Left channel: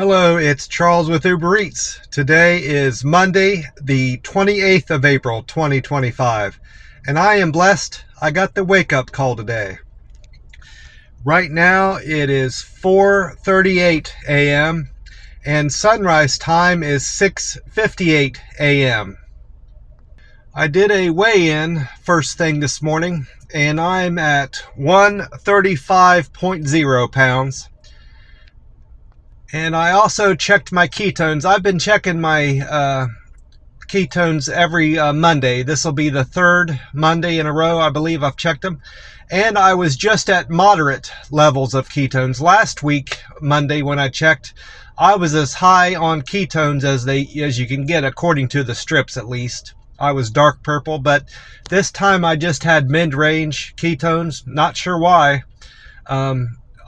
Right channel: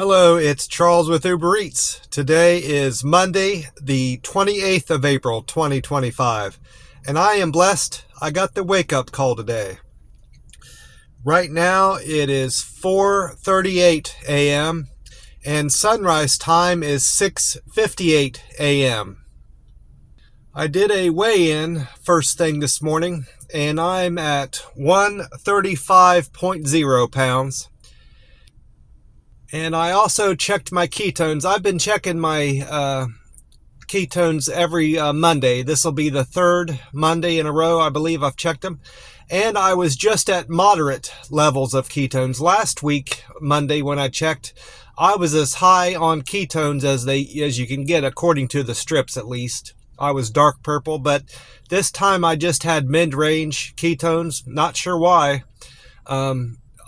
Hello, it's Charles with Uber Eats. Today is Monday, the 28th of April, 2025, and I am blessed I got the wake-up call today. Right now, it is 4:38 a.m., and sunrise time is 6:58 a.m. I did a weigh-in first thing this morning, and I'm at 135.0 pounds. And I also checked my ketones. I've been checking my ketones every Monday. This will be the third Monday in a row, I believe I've checked them. And I was just at moderate levels of ketones. Last week, Monday, when I checked, I was as high on ketones as you can get, according to the strips at least. I was dark purple, but this time I just had mid-range ketones. Not sure why.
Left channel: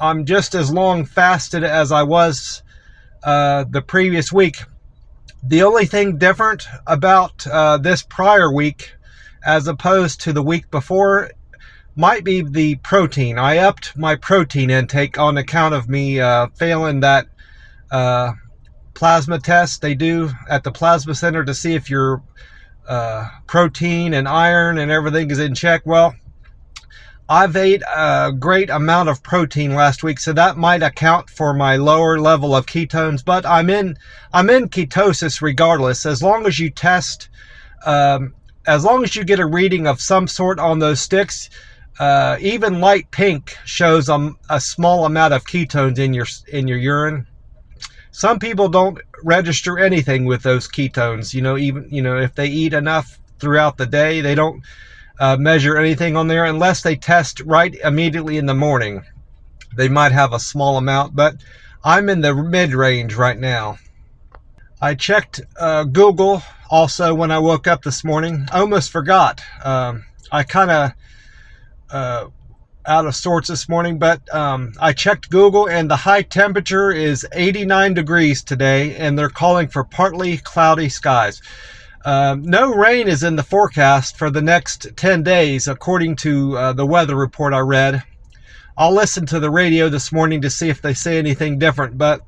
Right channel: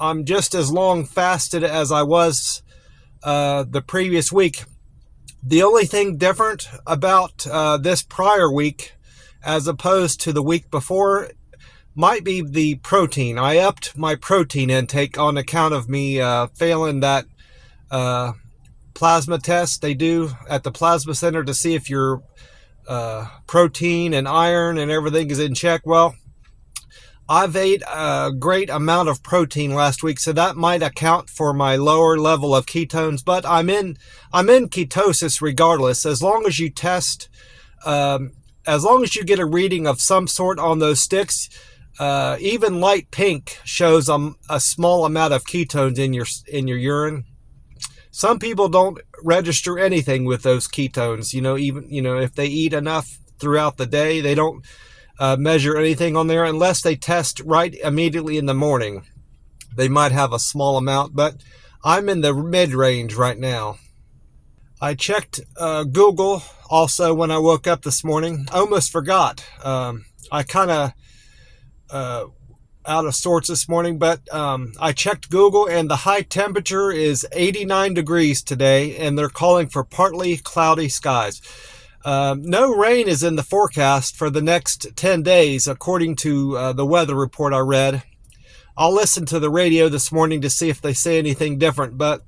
I'm just as long fasted as I was the previous week. The only thing different about this prior week as opposed to the week before might be the protein. I upped my protein intake on account of me failing that plasma test they do at the plasma center to see if your protein and iron and everything is in check. Well, I've ate a great amount of protein last week, so that might account for my lower level of ketones, but I'm in ketosis regardless. As long as you test, as long as you get a reading of some sort on those sticks, even light pink shows a small amount of ketones in your urine. Some people don't register anything with those ketones. Even if they eat enough throughout the day, they don't measure anything on there unless they test right immediately in the morning. They might have a small amount, but I'm in the mid-range right now. I checked Google also when I woke up this morning. I almost forgot. I kind of out of sorts this morning, but I checked Google, and the high temperature is 89 degrees today, and they're calling for partly cloudy skies. No rain is in the forecast for the next 10 days, according to the weather report I read. I'll listen to the radio this morning to see if they say anything different, but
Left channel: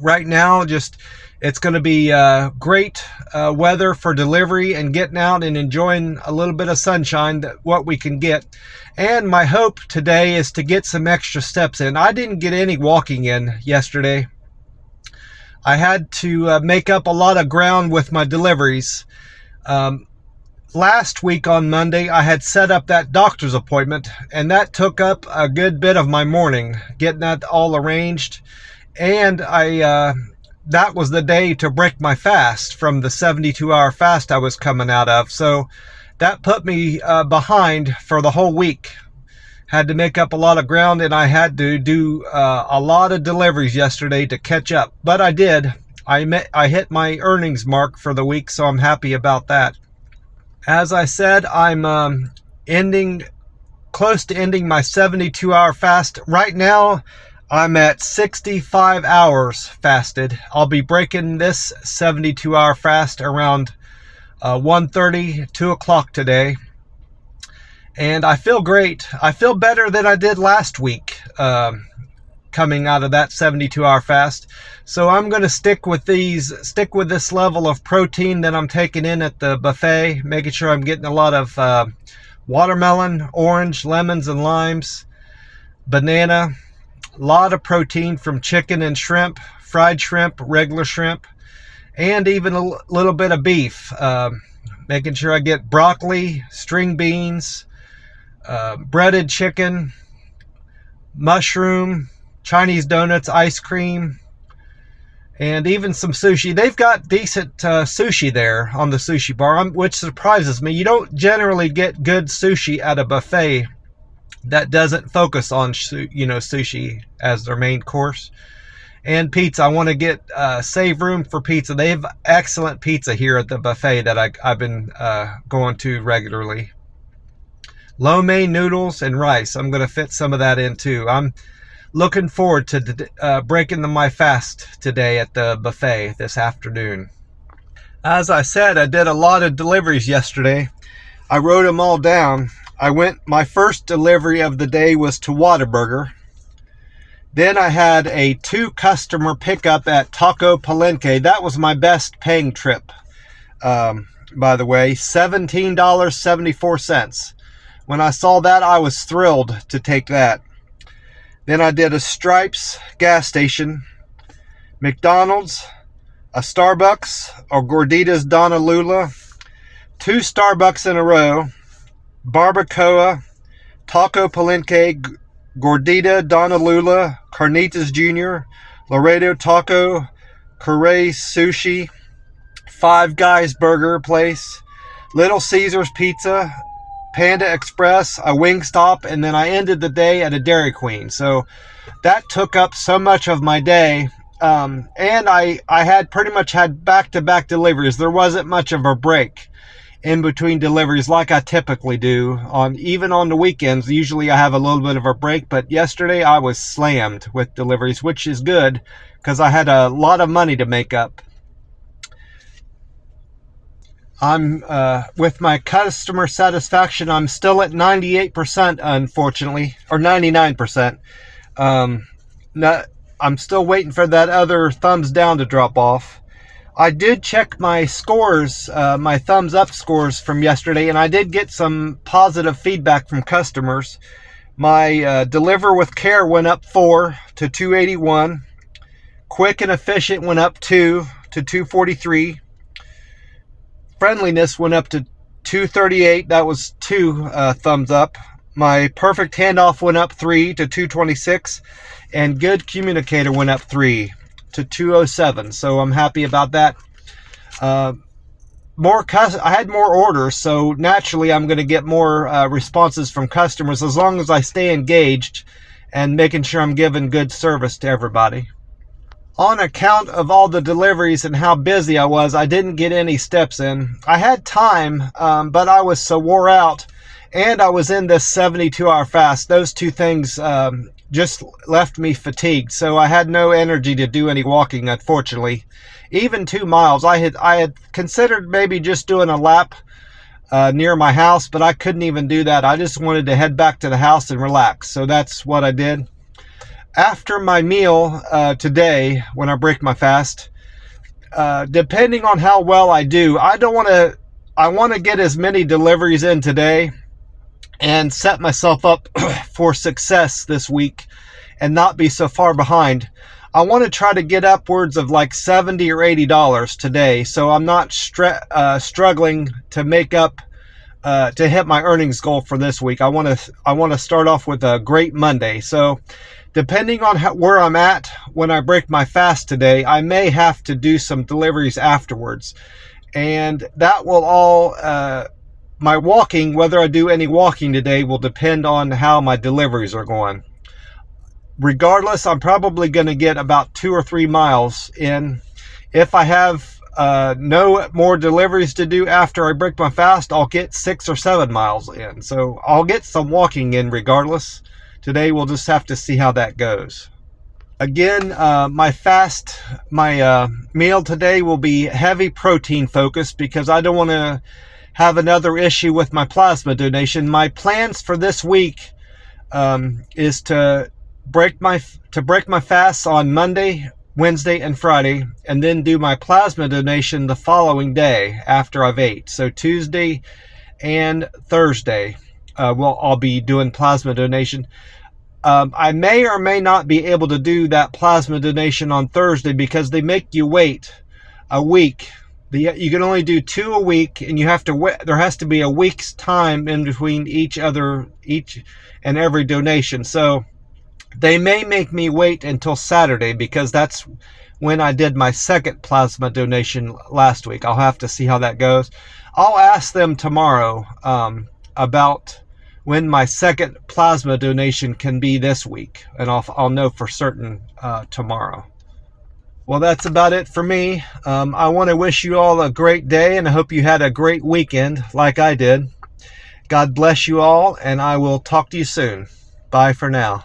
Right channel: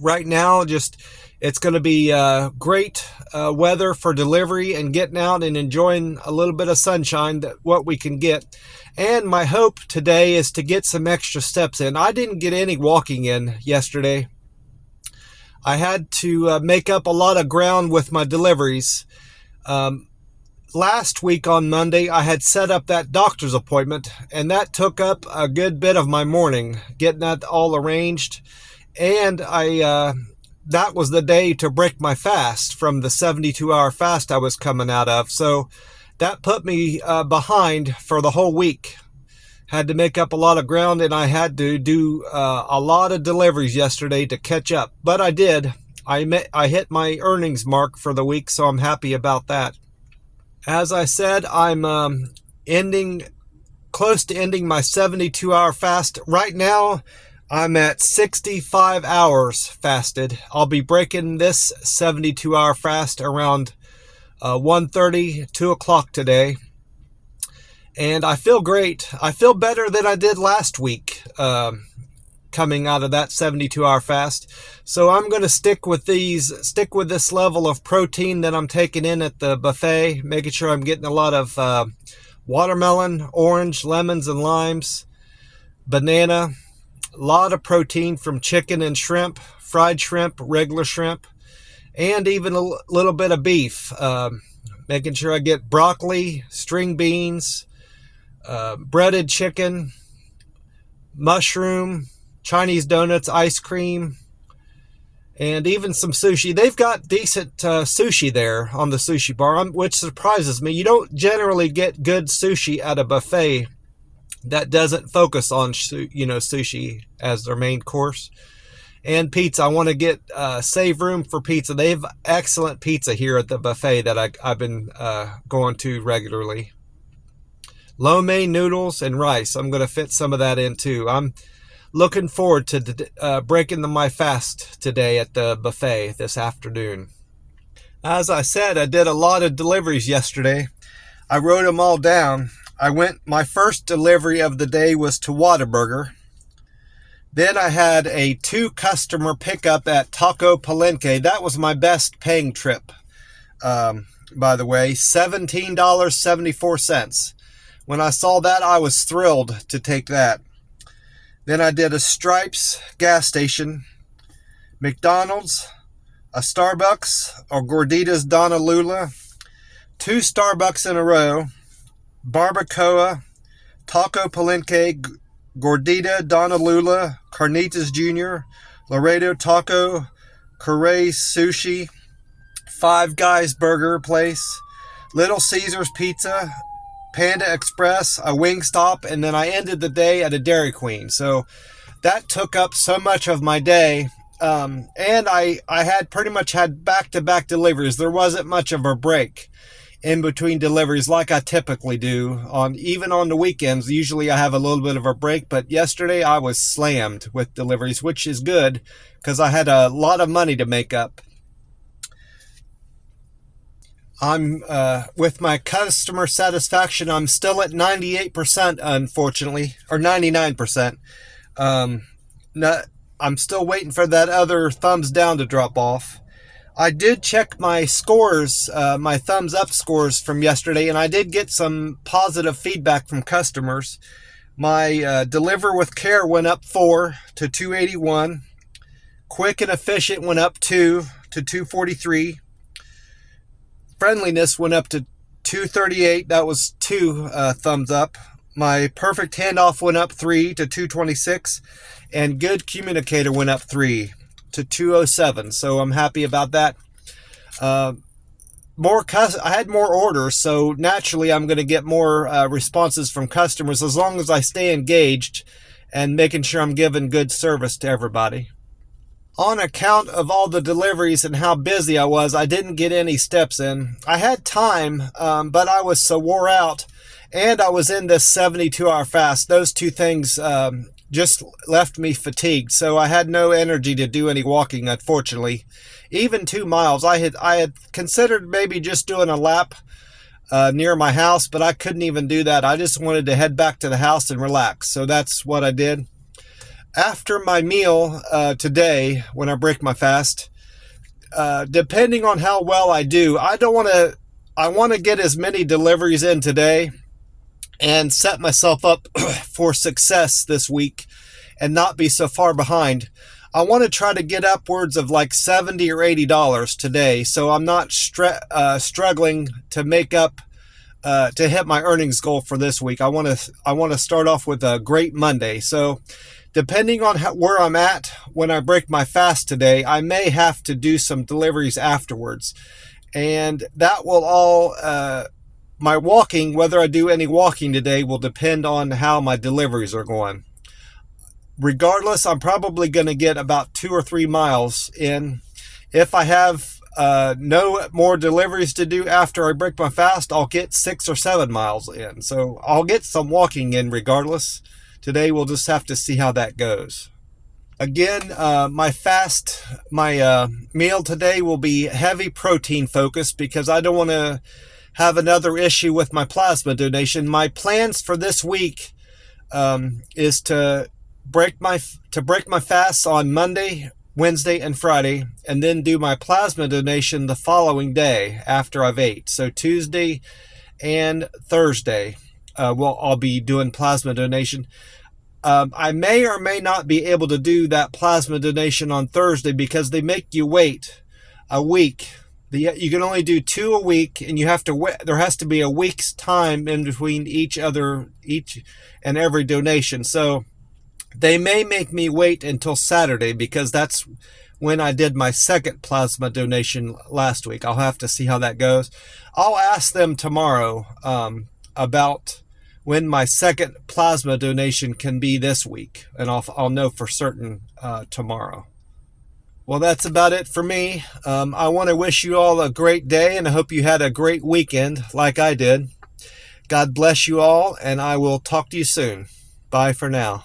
right now, it's going to be great weather for delivery and getting out and enjoying a little bit of sunshine, what we can get. And my hope today is to get some extra steps in. I didn't get any walking in yesterday. I had to make up a lot of ground with my deliveries. Last week on Monday, I had set up that doctor's appointment, and that took up a good bit of my morning, getting that all arranged. And that was the day to break my fast from the 72-hour fast I was coming out of. So that put me behind for the whole week. Had to make up a lot of ground, and I had to do a lot of deliveries yesterday to catch up. But I did. I hit my earnings mark for the week, so I'm happy about that. As I said, I'm close to ending my 72-hour fast. Right now, I'm at 65 hours fasted. I'll be breaking this 72-hour fast around 1:30, 2 o'clock today. And I feel great. I feel better than I did last week coming out of that 72-hour fast. So I'm going to stick with this level of protein that I'm taking in at the buffet, making sure I'm getting a lot of watermelon, orange, lemons, and limes, banana, a lot of protein from chicken and shrimp, fried shrimp, regular shrimp, and even a little bit of beef. Making sure I get broccoli, string beans, breaded chicken, mushroom, Chinese donuts, ice cream, and even some sushi. They've got decent sushi there on the sushi bar, which surprises me. You don't generally get good sushi at a buffet that doesn't focus on sushi as their main course. And pizza. I want to save room for pizza. They have excellent pizza here at the buffet that I've been going to regularly. Lo mein noodles and rice. I'm going to fit some of that in too. I'm looking forward to breaking my fast today at the buffet this afternoon. As I said, I did a lot of deliveries yesterday. I wrote them all down. My first delivery of the day was to Whataburger. Then I had a 2 customer pickup at Taco Palenque. That was my best paying trip, by the way, $17.74. When I saw that, I was thrilled to take that. Then I did a Stripes gas station, McDonald's, a Starbucks, or Gorditas Donna Lula, 2 Starbucks in a row, Barbacoa, Taco Palenque, Gordita Donna Lula, Carnitas Jr., Laredo Taco, Correa Sushi, Five Guys Burger Place, Little Caesars Pizza, Panda Express, a Wingstop, and then I ended the day at a Dairy Queen. So that took up so much of my day. And I had pretty much had back-to-back deliveries. There wasn't much of a break in between deliveries like I typically do. Even on the weekends, usually I have a little bit of a break, but yesterday I was slammed with deliveries, which is good because I had a lot of money to make up. I'm with my customer satisfaction, I'm still at 98%, unfortunately, or 99%. I'm still waiting for that other thumbs down to drop off. I did check my scores, my thumbs up scores from yesterday, and I did get some positive feedback from customers. My deliver with care went up 4 to 281. Quick and efficient went up 2 to 243. Friendliness went up to 238. That was 2 thumbs up. My perfect handoff went up 3 to 226. And good communicator went up 3 to 207. So I'm happy about that. I had more orders, so naturally I'm going to get more responses from customers as long as I stay engaged and making sure I'm giving good service to everybody. On account of all the deliveries and how busy I was, I didn't get any steps in. I had time, but I was so wore out, and I was in this 72-hour fast. Those 2 things just left me fatigued, so I had no energy to do any walking, unfortunately. Even 2 miles, I had considered maybe just doing a lap near my house, but I couldn't even do that. I just wanted to head back to the house and relax, so that's what I did. After my meal today, when I break my fast, depending on how well I do, I want to get as many deliveries in today and set myself up for success this week and not be so far behind. I want to try to get upwards of like $70 or $80 today, so I'm not struggling to make up to hit my earnings goal for this week. I want to start off with a great Monday. So depending on where I'm at when I break my fast today, I may have to do some deliveries afterwards. And that will all, my walking, whether I do any walking today, will depend on how my deliveries are going. Regardless, I'm probably going to get about 2 or 3 miles in. If I have no more deliveries to do after I break my fast, I'll get 6 or 7 miles in. So I'll get some walking in regardless. Today, we'll just have to see how that goes. Again, my meal today will be heavy protein focused because I don't want to have another issue with my plasma donation. My plans for this week is to break my fast on Monday, Wednesday, and Friday, and then do my plasma donation the following day after I've ate. So Tuesday and Thursday, I'll be doing plasma donation. I may or may not be able to do that plasma donation on Thursday because they make you wait a week. You can only do 2 a week, and you have to wait. There has to be a week's time in between each and every donation. So they may make me wait until Saturday because that's when I did my second plasma donation last week. I'll have to see how that goes. I'll ask them tomorrow about when my second plasma donation can be this week, and I'll know for certain tomorrow. Well, that's about it for me. I want to wish you all a great day, and I hope you had a great weekend like I did. God bless you all, and I will talk to you soon. Bye for now.